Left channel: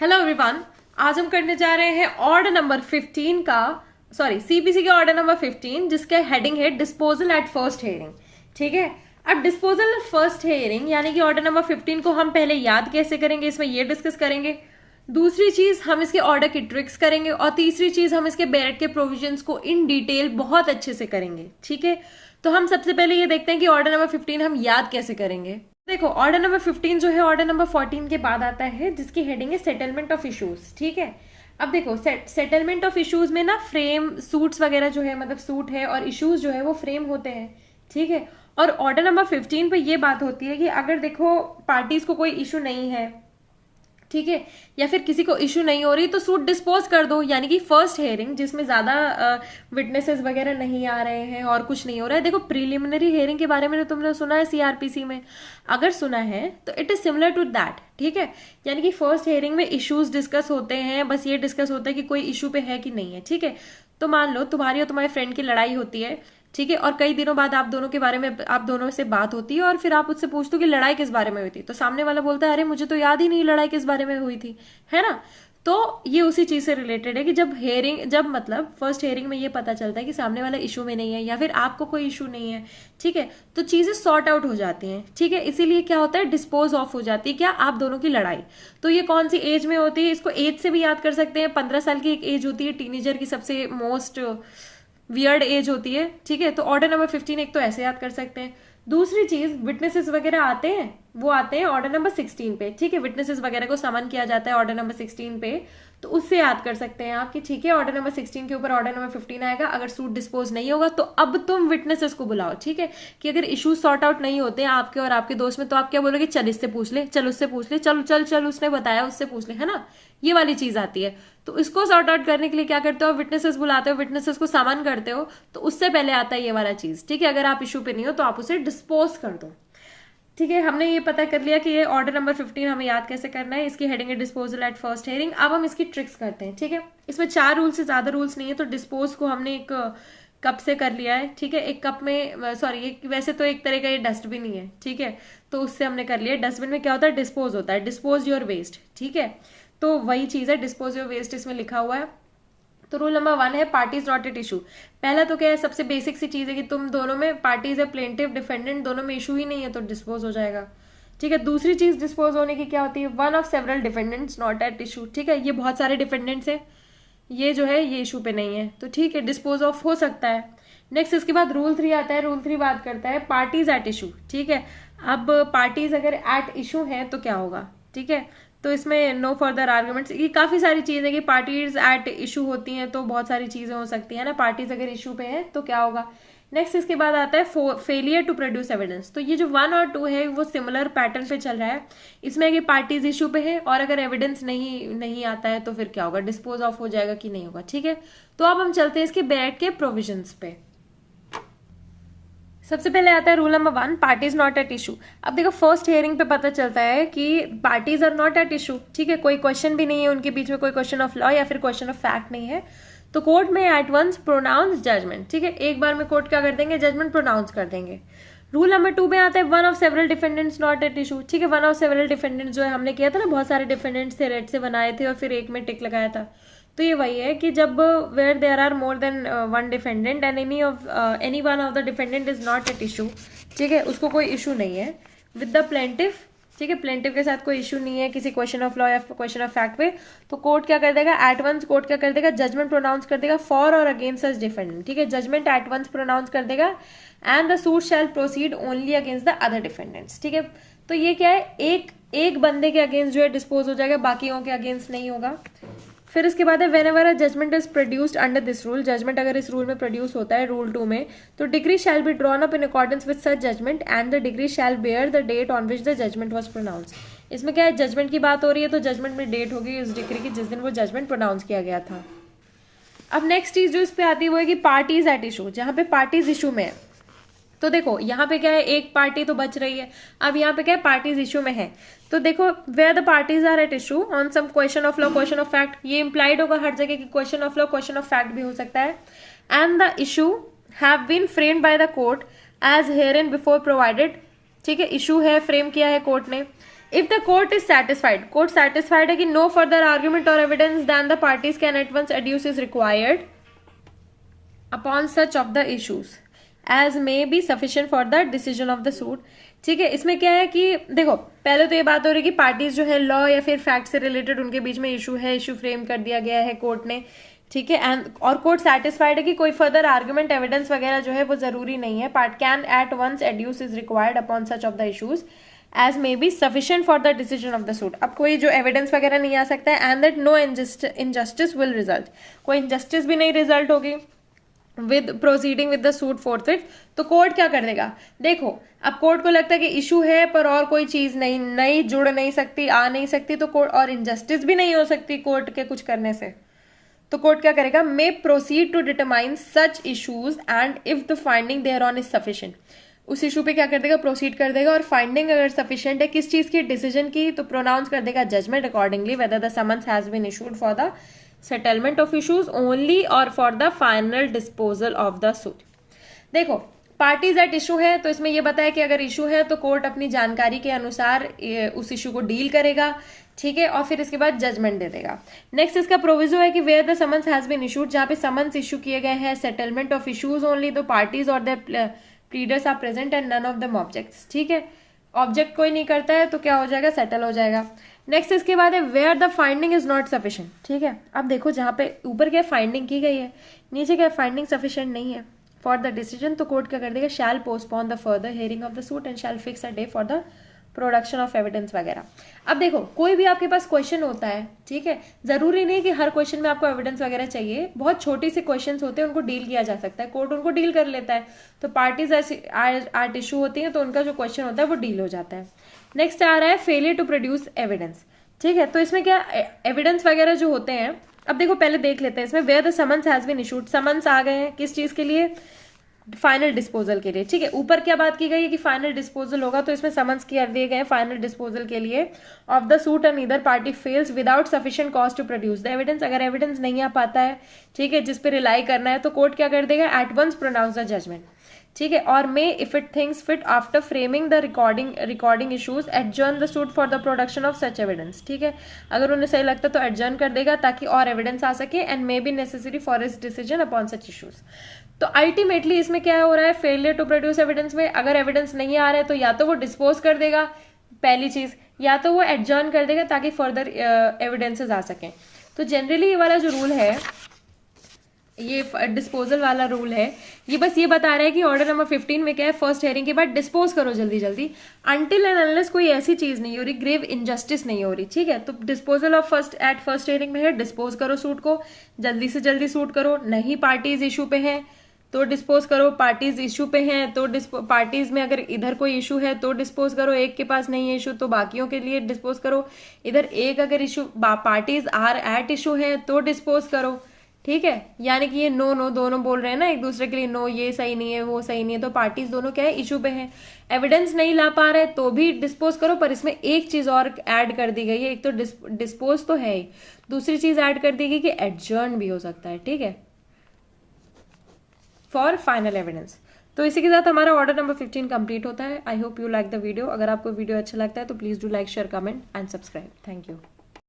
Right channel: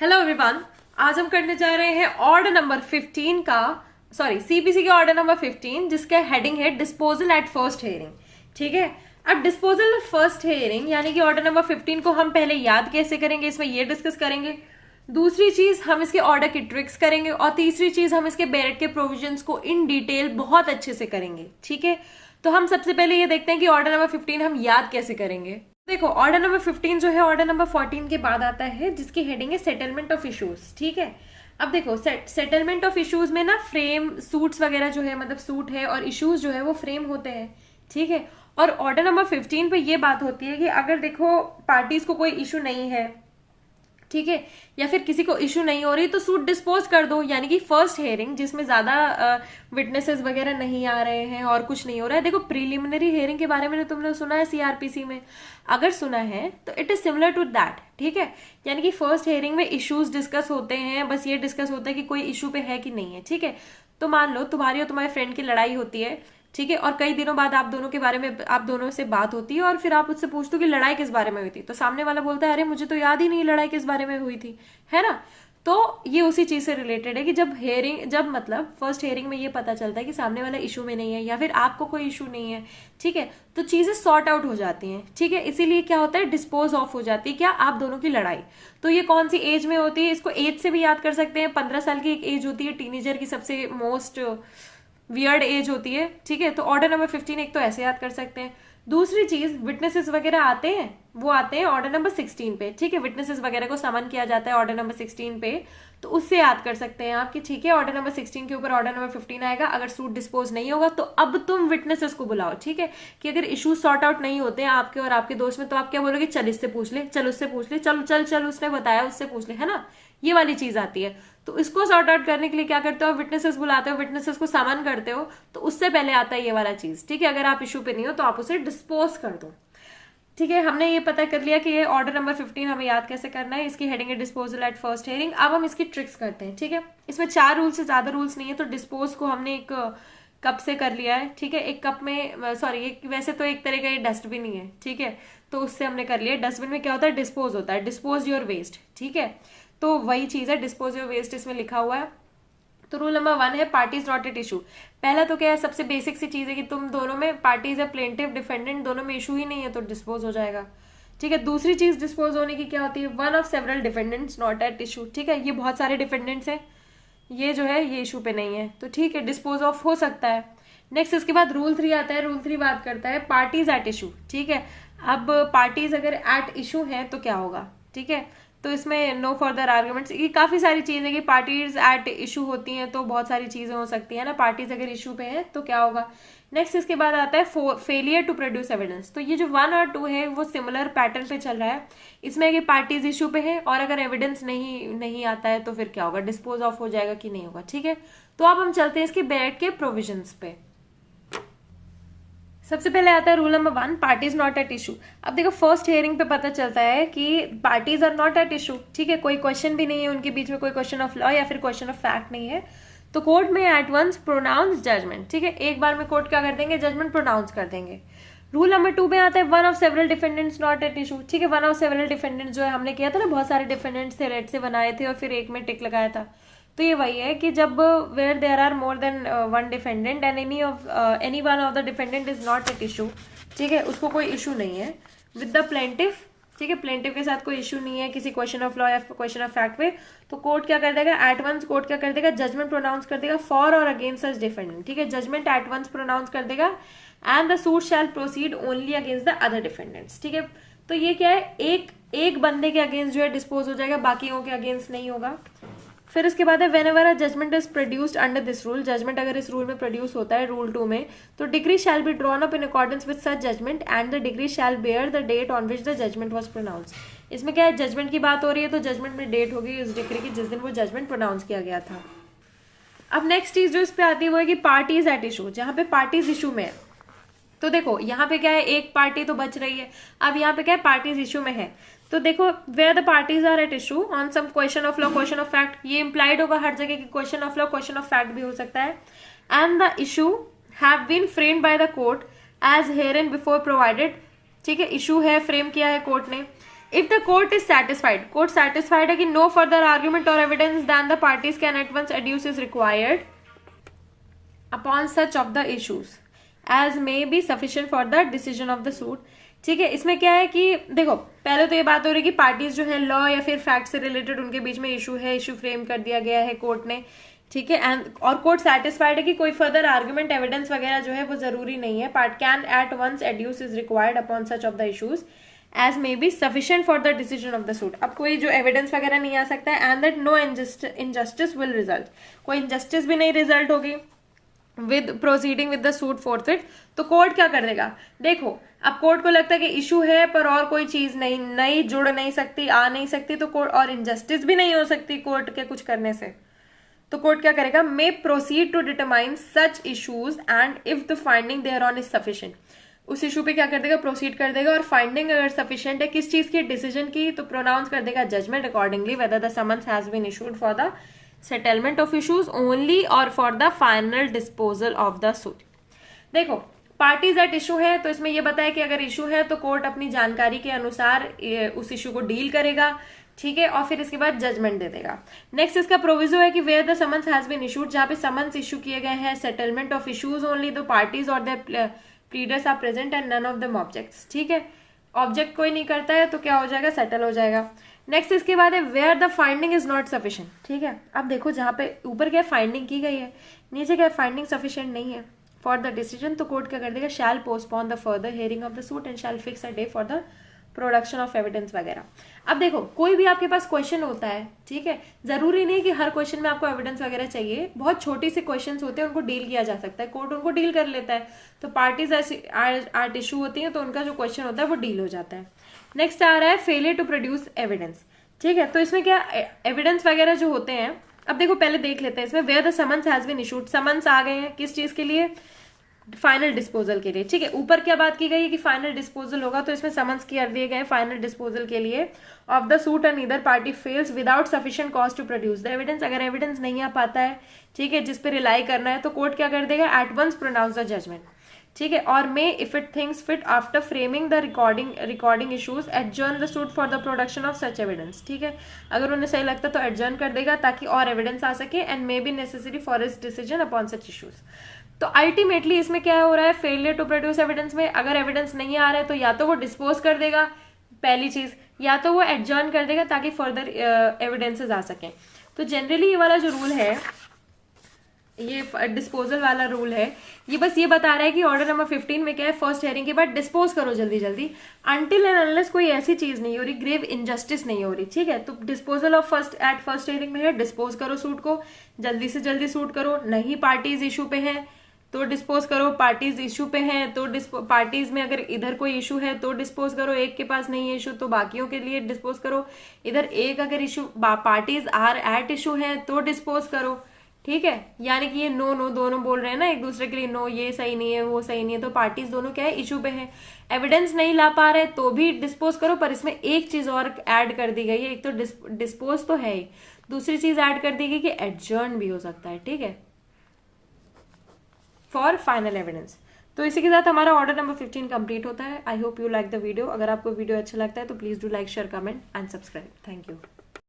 Hello everyone. आज हम करने जा रहे हैं ऑर्डर नंबर 15 का, सॉरी सीपीसी के ऑर्डर नंबर 15, जिसका हेडिंग है डिस्पोजल एट फर्स्ट हेयरिंग। ठीक है, अब डिस्पोजल एट फर्स्ट हेयरिंग यानी कि ऑर्डर नंबर 15 को हम पहले याद कैसे करेंगे, इसमें ये डिस्कस करेंगे। दूसरी चीज हम इसके ऑर्डर की ट्रिक्स करेंगे और तीसरी चीज हम इसके बेरेट के प्रोविजंस को इन डिटेल बहुत अच्छे से करेंगे। ठीक है, तो हम सबसे पहले ये देखते हैं कि ऑर्डर नंबर 15 हम याद कैसे करेंगे। देखो, ऑर्डर नंबर 15 जो है ऑर्डर नंबर 14 के बाद आता है, जिसकी हेडिंग है सेटलमेंट ऑफ इश्यूज। ठीक है, अब देखो सेटलमेंट ऑफ इश्यूज में ना फ्रेम सूट्स वगैरह जो है, मतलब सूट है और इश्यूज जो है वो फ्रेम होते हैं। ठीक है, और ऑर्डर नंबर 15 पे ये बात होती है कि अगर देखो पार्टीज को कोई इशू नहीं है, ठीक है, या फिर किसी को इशू नहीं हो रही, तो सूट डिस्पोज कर दो। यानी कि फर्स्ट हेयरिंग जिसमें ज्यादा विटनेसेस वगैरह नहीं आ रहे हैं और कुछ नहीं हो रहा है। देखो, प्रीलिमिनरी हेयरिंग के बारे में तो तुमने सुना है सीआरपीसी में, अगर सुना है तो it is similar to that. ठीक है, यानी कि फर्स्ट हेयरिंग में इश्यूज डिस्कस होते हैं, बस ये डिस्कस होता है कि कोई इशू पे है कि नहीं है। ठीक है, तो मान लो तुम्हारी और तुम्हारे फ्रेंड की लड़ाई होती है, ठीक है, और कई दिनों बाद आप दोनों के बारे में, आप दोनों से बात होती है और फिर आप उससे पूछते हो कि लड़ाई किस बारे में हुई थी, तो सामने वाला बोलता है अरे मुझे तो याद ही नहीं लड़ाई किस बारे में हुई थी, है ना। तो ये उसी चीज से रिलेटेड है कि जब मतलब फर्स्ट हेयरिंग में ये पता चलता है कि सामने वाला इशू में नहीं है या फिर आपको कोई इशू नहीं है, ठीक है, तो चीजें सॉर्ट आउट हो जाती हैं। ठीक है, इसीलिए क्या होता है, डिस्पोज ऑफ हो जाती है क्या, आप दोनों की लड़ाई। तो ये कौन सी एज में होती है, इसको एज से भी याद कर सकते हैं। 15 साल की एक एज होती है टीनेजर की, सबसे मोस्ट वियर्ड एज होती है। ठीक है, तो ऑर्डर नंबर 15 एक तो ऐसे याद कर सकते हैं। दूसरी चीज, विटनेसेस वगैरह आते हैं, वो आते हैं ऑर्डर नंबर 16 पे। ठीक है, विटनेसेस वगैरह को समन किया जाता है ऑर्डर नंबर 16 पे, तो उससे याद कर सकते हैं आप कि ठीक है, ऑर्डर नंबर 16 के ऊपर ऑर्डर नंबर 15 आएगा। अगर सूट डिस्पोज नहीं होगा तो अब तुम विटनेसेस को बुलाओ। ठीक है, कि अगर इश्यूज सॉर्ट आउट नहीं होते हैं आपके और आपके दोस्त में, तो आप क्या बोलोगे, चल इससे पूछ ले, चल उससे पूछ ले, चल चल चल उसने बताया उससे पूछ ले, है ना। ये वाली चीज आती है। तो इसको सॉर्ट आउट करने के लिए क्या करते हो, विटनेसेस बुलाते हो, विटनेसेस को समन करते हो, तो उससे पहले आता है ये वाला चीज। ठीक है, अगर आप इशू पे नहीं हो तो आप उसे डिस्पोज कर दो। ठीक है, हमने ये पता कर लिया कि ये ऑर्डर नंबर 15 हमें याद कैसे करना है। इसकी हेडिंग है डिस्पोजल एट फर्स्ट हेयरिंग। अब हम इसकी ट्रिक्स करते हैं। ठीक है, इसमें 4 रूल से ज्यादा रूल्स नहीं है, तो डिस्पोज को हमने एक कप से कर लिया है। ठीक है, एक कप में, सॉरी, वैसे तो एक तरह का ये डस्टबिन ही है। ठीक है, तो उससे हमने कर लिया। डस्टबिन में क्या होता है, डिस्पोज होता है, डिस्पोज योर वेस्ट। ठीक है, तो वही चीज है, डिस्पोज योर वेस्ट इसमें लिखा हुआ है। तो रूल नंबर 1 है पार्टीज नॉट एट इशू। पहला तो क्या है, सबसे बेसिक सी चीज है कि तुम दोनों में पार्टीज है, प्लेंटिव डिफेंडेंट, दोनों में इशू ही नहीं है तो डिस्पोज हो जाएगा। ठीक है, दूसरी चीज डिस्पोज होने की क्या होती है, one of several defendants not at issue. ठीक है, ये बहुत सारे डिफेंडेंट्स हैं, ये जो है ये इशू पे नहीं है, तो ठीक है, डिस्पोज ऑफ हो सकता है। नेक्स्ट इसके बाद रूल 3 आता है। रूल 3 बात करता है पार्टीज एट इशू। ठीक है, अब पार्टीज अगर एट इशू है तो क्या होगा। ठीक है, तो इसमें नो फर्दर आर्ग्यूमेंट्स, ये काफी सारी चीजें कि पार्टीज एट इशू होती हैं तो बहुत सारी चीजें हो सकती है ना। पार्टीज अगर इशू पे है तो क्या होगा। नेक्स्ट इसके बाद आता है फेलियर टू प्रोड्यूस एविडेंस। तो ये जो 1 और 2 है वो सिमिलर पैटर्न पे चल रहा है। इसमें कि पार्टीज इशू पे है और अगर एविडेंस नहीं आता है तो फिर क्या होगा, डिस्पोज ऑफ हो जाएगा कि नहीं होगा। ठीक है, तो अब हम चलते हैं इसके बेरेट के प्रोविजंस पे। सबसे पहले आता है rule number 1, parties not at issue. अब देखो, फर्स्ट हियरिंग पे पता चलता है कि parties are not at issue. ठीक है, कोई क्वेश्चन भी नहीं है उनके बीच में, कोई क्वेश्चन ऑफ लॉ या फिर क्वेश्चन ऑफ फैक्ट नहीं है, तो कोर्ट में एट वंस प्रोनाउंस जजमेंट। ठीक है, एक बार में कोर्ट क्या कर देंगे, जजमेंट प्रोनाउंस कर देंगे। रूल नंबर 2 में आता है one of several defendants not at issue. ठीक है, वन ऑफ सेवरल डिफेंडेंट्स जो है हमने किया था ना, बहुत सारे डिफेंडेंट्स थे, रेड से बनाए थे और फिर एक में टिक लगाया था, तो ये वही है कि जब where there are more than one defendant and any one of the defendant is not at issue. ठीक है, उसको कोई इशू नहीं है विद द प्लेंटिफ। ठीक है, प्लेंटिव के साथ कोई इशू नहीं है किसी क्वेश्चन ऑफ लॉ या क्वेश्चन ऑफ फैक्ट पे, तो कोर्ट क्या कर देगा, एट वंस कोर्ट क्या कर देगा, जजमेंट प्रोनाउंस कर देगा फॉर और अगेंस्ट सच डिफेंडेंट। ठीक है, जजमेंट एट वंस प्रोनाउंस कर देगा and the suit shall proceed only against the other defendants. ठीक है, तो ये क्या है, एक बंदे के अगेंस्ट जो है डिस्पोज हो जाएगा, बाकियों के अगेंस्ट नहीं होगा। फिर इसके बाद है whenever a judgment is produced under this rule. Judgment अगर इस रूल में प्रोड्यूस होता है, रूल 2 में, तो decree shall be drawn up in accordance with such judgment and the decree shall bear the date on which the judgment was pronounce. इसमें क्या है, जजमेंट की बात हो रही है तो जजमेंट में डेट होगी उस डिग्री की जिस दिन वो जजमेंट प्रोनाउंस किया गया था। अब नेक्स्ट चीज जो इस पे आती है वो है कि पार्टीज एट इशू, जहां पे पार्टीज इशू में है, तो देखो यहाँ पे क्या है, एक पार्टी तो बच रही है। अब यहाँ पे क्या है, पार्टीज इशू में है, तो देखो where the parties are at issue on some question of law, question of fact, ये इंप्लाइड होगा हर जगह कि question of law, question of fact भी हो सकता है। And the issue have been framed by the court as here and before provided. ठीक है, इशू है, फ्रेम किया है कोर्ट ने। If the court is satisfied, court satisfied है कि नो फर्दर आर्ग्यूमेंट और evidence then the parties can at once adduce is required upon such of the issues as may be sufficient for the decision of the suit. ठीक है, इसमें क्या है कि देखो पहले तो ये बात हो रही है कि पार्टीज जो है लॉ या फिर फैक्ट से रिलेटेड उनके बीच में इशू है, इशू फ्रेम कर दिया गया है कोर्ट ने। ठीक है, एंड और कोर्ट सेटिस्फाइड है कि कोई फर्दर आर्गुमेंट एविडेंस वगैरह जो है वो जरूरी नहीं है, part can at once adduce is required upon such of the issues as may be sufficient for the decision of the suit. अब कोई जो एविडेंस वगैरह नहीं आ सकता है and that no injustice will result, कोई इनजस्टिस भी नहीं रिजल्ट होगी with proceeding with the suit forfeit. तो कोर्ट क्या कर देगा, देखो अब कोर्ट को लगता है कि इशू है पर और कोई चीज नहीं जुड़ नहीं सकती, आ नहीं सकती, तो कोर्ट और इनजस्टिस भी नहीं हो सकती कोर्ट के कुछ करने से, तो कोर्ट क्या करेगा, may proceed to determine such issues and if the finding thereon is sufficient. उस इशू पे क्या कर देगा, प्रोसीड कर देगा, और फाइंडिंग अगर सफिशिएंट है किस चीज की, डिसीजन की, तो प्रोनाउंस कर देगा judgment accordingly whether the summons has been issued for the settlement of issues only और for the final disposal of the suit. देखो पार्टीज एट इशू है तो इसमें यह बताया कि अगर इशू है तो कोर्ट अपनी जानकारी के अनुसार उस इशू को डील करेगा। ठीक है, और फिर इसके बाद जजमेंट दे देगा। नेक्स्ट इसका प्रोविजो है कि where the summons has been issued, जहां पे समन्स इशू किए गए हैं, settlement of issues only the parties और the pleaders are present and none of them objects. ठीक है, ऑब्जेक्ट कोई नहीं करता है तो क्या हो जाएगा, सेटल हो जाएगा। नेक्स्ट इसके बाद है where the finding is not sufficient. ठीक है, अब देखो जहां पे ऊपर क्या फाइंडिंग की गई है, नीचे क्या फाइंडिंग सफिशिएंट नहीं है फॉर द डिसीजन, तो कोर्ट क्या कर देगा, shall postpone the further hearing of the suit and shall fix a day for the production of evidence वगैरह। अब देखो कोई भी आपके पास क्वेश्चन होता है, ठीक है, जरूरी नहीं कि हर क्वेश्चन में आपको एविडेंस वगैरह चाहिए, बहुत छोटी सी क्वेश्चंस होते हैं उनको डील किया जा सकता है, कोर्ट उनको डील कर लेता है। तो पार्टीज एट इशू होती हैं तो उनका जो क्वेश्चन होता है वो डील हो जाता है। नेक्स्ट आ रहा है फेलियर टू प्रोड्यूस एविडेंस। ठीक है, तो इसमें क्या एविडेंस वगैरह जो होते हैं, अब देखो पहले देख लेते हैं इसमें where the summons has been issued, summons आ गए हैं किस चीज के लिए, फाइनल डिस्पोजल के लिए। ठीक है, ऊपर क्या बात की गई है कि फाइनल डिस्पोजल होगा, तो इसमें समन्स कर दिए गए फाइनल डिस्पोजल के लिए of the suit and either party fails without sufficient cause to produce the evidence. अगर एविडेंस नहीं आ पाता है, ठीक है, जिस पे रिलाई करना है, तो कोर्ट क्या कर देगा, at once pronounce the judgment. ठीक है, और may if it thinks fit after framing the recording issues adjourn the suit for the production of such evidence. ठीक है, अगर उन्हें सही लगता है तो एडजर्न कर देगा ताकि और एविडेंस आ सके and may be necessary for his decision upon such issues. तो अल्टीमेटली इसमें क्या हो रहा है, फेलियर टू प्रोड्यूस एविडेंस में अगर एविडेंस नहीं आ रहा है तो या तो वो डिस्पोज कर देगा पहली चीज, या तो वो एडजर्न कर देगा ताकि फर्दर एविडेंसेस आ सकें। तो जनरली ये वाला जो रूल है, ये डिस्पोजल वाला रूल है, ये बस ये बता रहा है कि ऑर्डर नंबर 15 में क्या है, फर्स्ट हियरिंग के बाद डिस्पोज करो जल्दी जल्दी, अनटिल एंड अनलेस कोई ऐसी चीज नहीं हो रही, ग्रेव इनजस्टिस नहीं हो रही। ठीक है, तो डिस्पोजल ऑफ फर्स्ट हियरिंग में है, डिस्पोज करो सूट को, जल्दी से जल्दी सूट करो, नहीं पार्टीज इशू पे है तो डिस्पोज करो, पार्टीज इशू पे हैं तो पार्टीज में अगर इधर कोई इशू है तो डिस्पोज करो, एक के पास नहीं है इशू तो बाकियों के लिए डिस्पोज करो, इधर एक अगर issue parties are at issue है तो डिस्पोज करो। ठीक है, यानी कि ये नो नो दोनों बोल रहे हैं ना एक दूसरे के लिए, नो ये सही नहीं है वो सही नहीं है, तो पार्टीज दोनों क्या है, इशू पे हैं, एविडेंस नहीं ला पा रहे तो भी डिस्पोज करो। पर इसमें एक चीज और ऐड कर दी गई है, एक तो डिस्पोज तो है ही, दूसरी चीज ऐड कर दी गई कि एडजर्न भी हो सकता है। ठीक है, फॉर फाइनल एविडेंस। तो इसी के साथ हमारा ऑर्डर नंबर 15 कंप्लीट होता है। I hope you like the video. अगर आपको वीडियो अच्छा लगता है तो please do like share comment and subscribe. Thank you.